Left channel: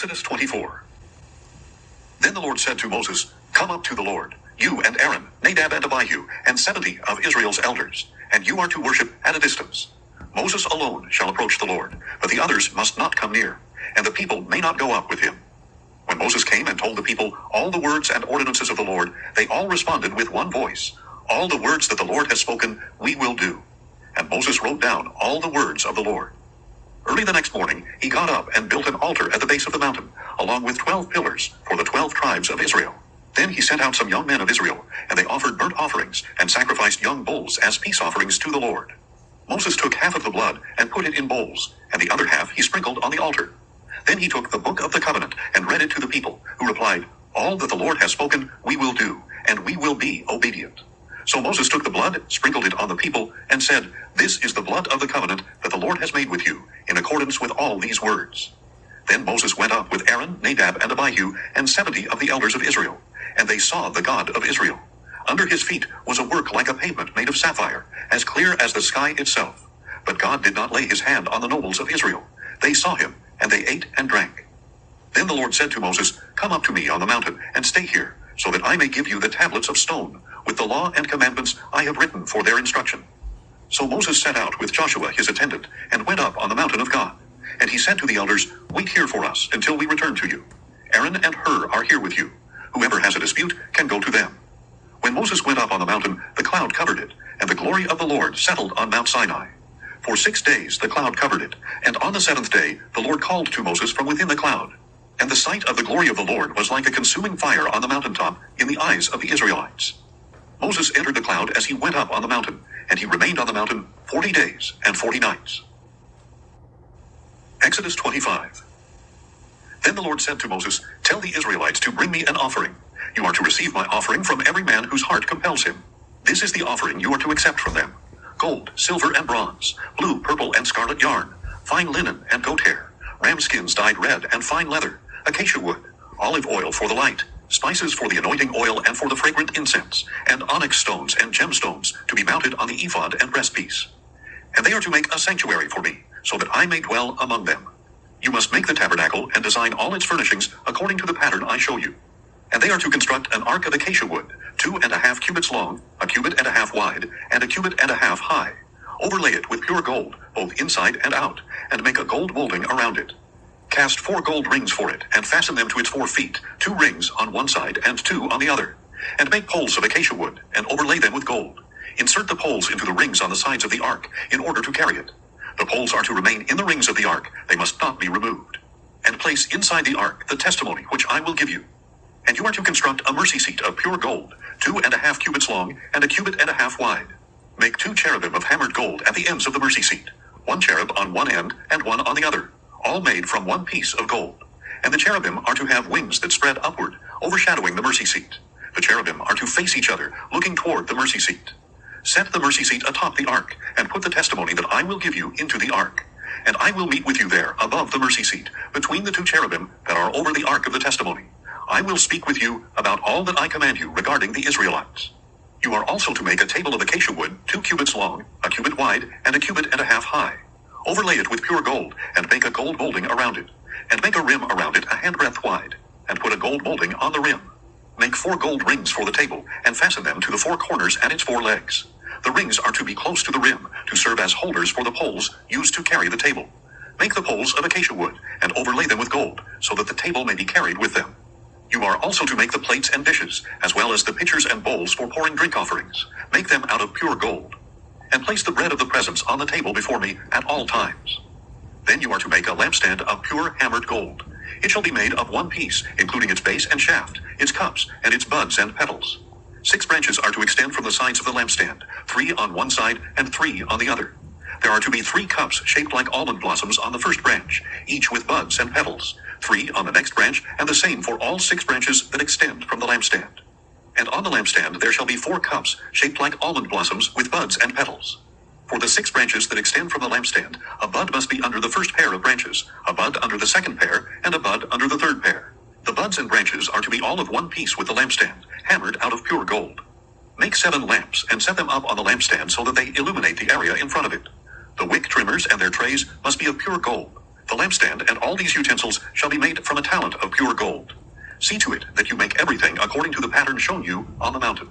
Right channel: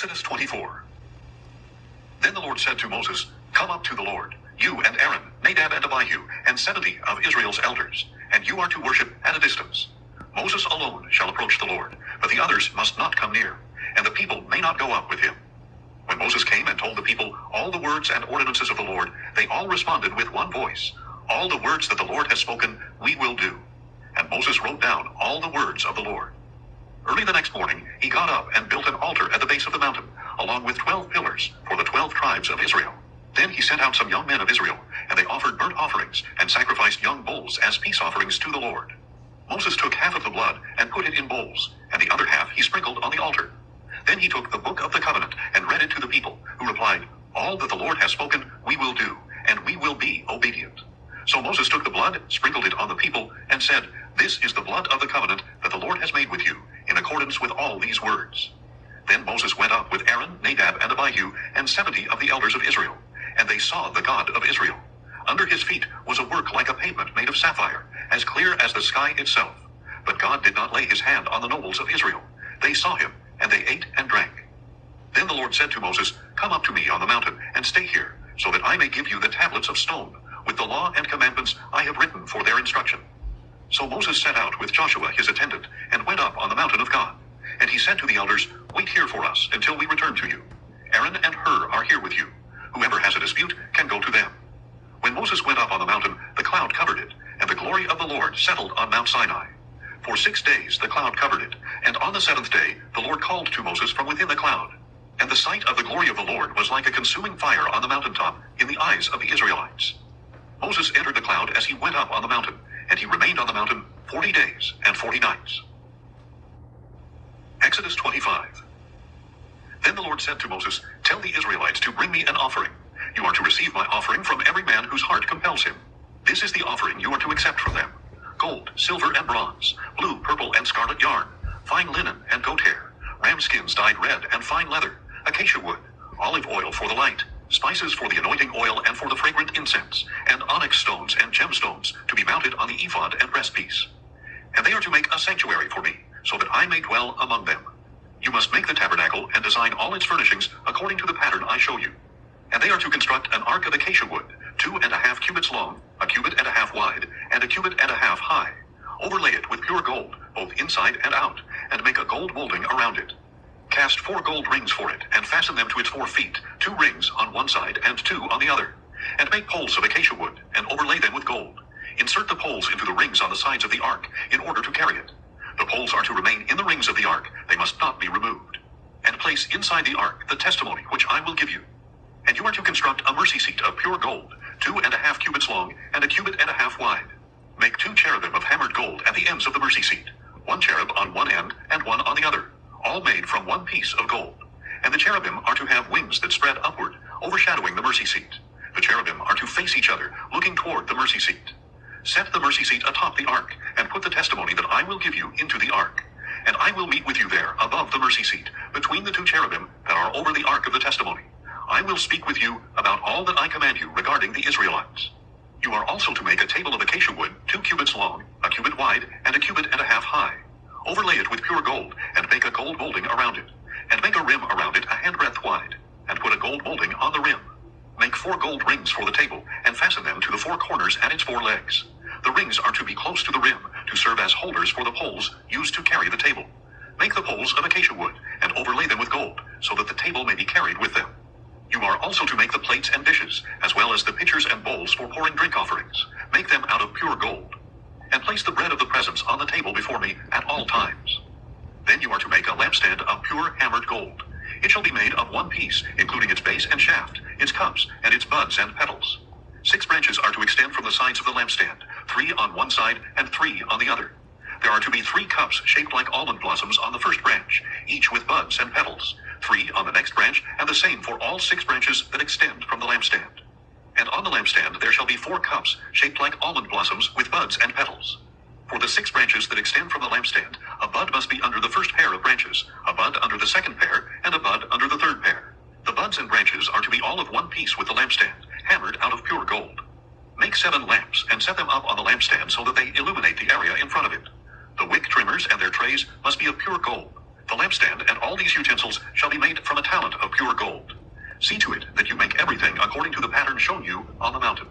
Exodus 24. Then the Lord said to Moses, Come up to the Lord, you and Aaron, Nadab and Abihu, and 70 of Israel's elders, and you are to worship at a distance. Moses alone shall approach the Lord, but the others must not come near, and the people may not go up with him. When Moses came and told the people all the words and ordinances of the Lord, they all responded with one voice, All the words that the Lord has spoken, we will do. And Moses wrote down all the words of the Lord. Early the next morning, he got up and built an altar at the base of the mountain, along with 12 pillars for the 12 tribes of Israel. Then he sent out some young men of Israel, and they offered burnt offerings and sacrificed young bulls as peace offerings to the Lord. Moses took half of the blood and put it in bowls, and the other half he sprinkled on the altar. Then he took the book of the covenant and read it to the people, who replied, All that the Lord has spoken, we will do, and we will be obedient. So Moses took the blood, sprinkled it on the people, and said, This is the blood of the covenant that the Lord has made with you, in accordance with all these words. Then Moses went up with Aaron, Nadab, and Abihu, and 70 of the elders of Israel, and they saw the God of Israel. Under his feet was a work like a pavement made of sapphire, as clear as the sky itself. But God did not lay his hand on the nobles of Israel. They saw him, and they ate and drank. Then the Lord said to Moses, Come up to me on the mountain, and stay here, so that I may give you the tablets of stone, with the law and commandments I have written for their instruction. So Moses set out with Joshua his attendant, and went up on the mountain of God. And he said to the elders, Wait here for us until we return to you. Aaron and Hur are here with you. Whoever has a dispute can go to them. When Moses went up on the mountain, the cloud covered it, and the glory of the Lord settled on Mount Sinai. For 6 days the cloud covered it, and on the seventh day the Lord called to Moses from within the cloud. And the sight of the glory of the Lord was like a consuming fire on the mountaintop in the eyes of the Israelites. Moses entered the cloud as he went up on the mountain, and he remained on the mountain 40 days and 40 nights. Exodus 25. Then the Lord said to Moses, Tell the Israelites to bring me an offering. You are to receive my offering from every man whose heart compels him. This is the offering you are to accept from them: gold, silver, and bronze, blue, purple, and scarlet yarn, fine linen and goat hair, ram skins dyed red and fine leather, acacia wood, olive oil for the light, spices for the anointing oil and for the fragrant incense, and onyx stones and gemstones to be mounted on the ephod and breastpiece. And they are to make a sanctuary for me, so that I may dwell among them. You must make the tabernacle and design all its furnishings according to the pattern I show you. And they are to construct an ark of acacia wood, 2.5 cubits long, 1.5 cubits wide, and 1.5 cubits high. Overlay it with pure gold, both inside and out, and make a gold molding around it. Cast 4 gold rings for it, and fasten them to its 4 feet, 2 rings on one side and 2 on the other. And make poles of acacia wood, and overlay them with gold. Insert the poles into the rings on the sides of the ark, in order to carry it. The poles are to remain in the rings of the ark, they must not be removed. And place inside the ark the testimony which I will give you. And you are to construct a mercy seat of pure gold, 2.5 cubits long, and 1.5 cubits wide. Make 2 cherubim of hammered gold at the ends of the mercy seat, 1 cherub on one end and 1 on the other, all made from 1 piece of gold. And the cherubim are to have wings that spread upward, overshadowing the mercy seat. The cherubim are to face each other, looking toward the mercy seat. Set the mercy seat atop the ark, and put the testimony that I will give you into the ark. And I will meet with you there, above the mercy seat, between the 2 cherubim that are over the ark of the testimony. I will speak with you about all that I command you regarding the Israelites. You are also to make a table of acacia wood, 2 cubits long, 1 cubit wide, and 1.5 cubits high. Overlay it with pure gold, and make a gold molding around it. And make a rim around it 1 handbreadth wide, and put a gold molding on the rim. Make 4 gold rings for the table, and fasten them to the 4 corners and its 4 legs. The rings are to be close to the rim, to serve as holders for the poles used to carry the table. Make the poles of acacia wood, and overlay them with gold, so that the table may be carried with them. You are also to make the plates and dishes, as well as the pitchers and bowls for pouring drink offerings. Make them out of pure gold. And place the bread of the presence on the table before me at all times. Then you are to make a lampstand of pure hammered gold. It shall be made of 1 piece, including its base and shaft, its cups, and its buds and petals. 6 branches are to extend from the sides of the lampstand, 3 on one side and 3 on the other. There are to be 3 cups shaped like almond blossoms on the first branch, each with buds and petals, 3 on the next branch, and the same for all 6 branches that extend from the lampstand. And on the lampstand there shall be 4 cups shaped like almond blossoms with buds and petals. For the 6 branches that extend from the lampstand, a bud must be under the first pair of branches, a bud under the second pair, and a bud under the third pair. The buds and branches are to be all of 1 piece with the lampstand, hammered out of pure gold. Make 7 lamps and set them up on the lampstand so that they illuminate the area in front of it. The wick trimmers and their trays must be of pure gold. The lampstand and all these utensils shall be made from a talent of pure gold. See to it that you make everything according to the pattern shown you on the mountain.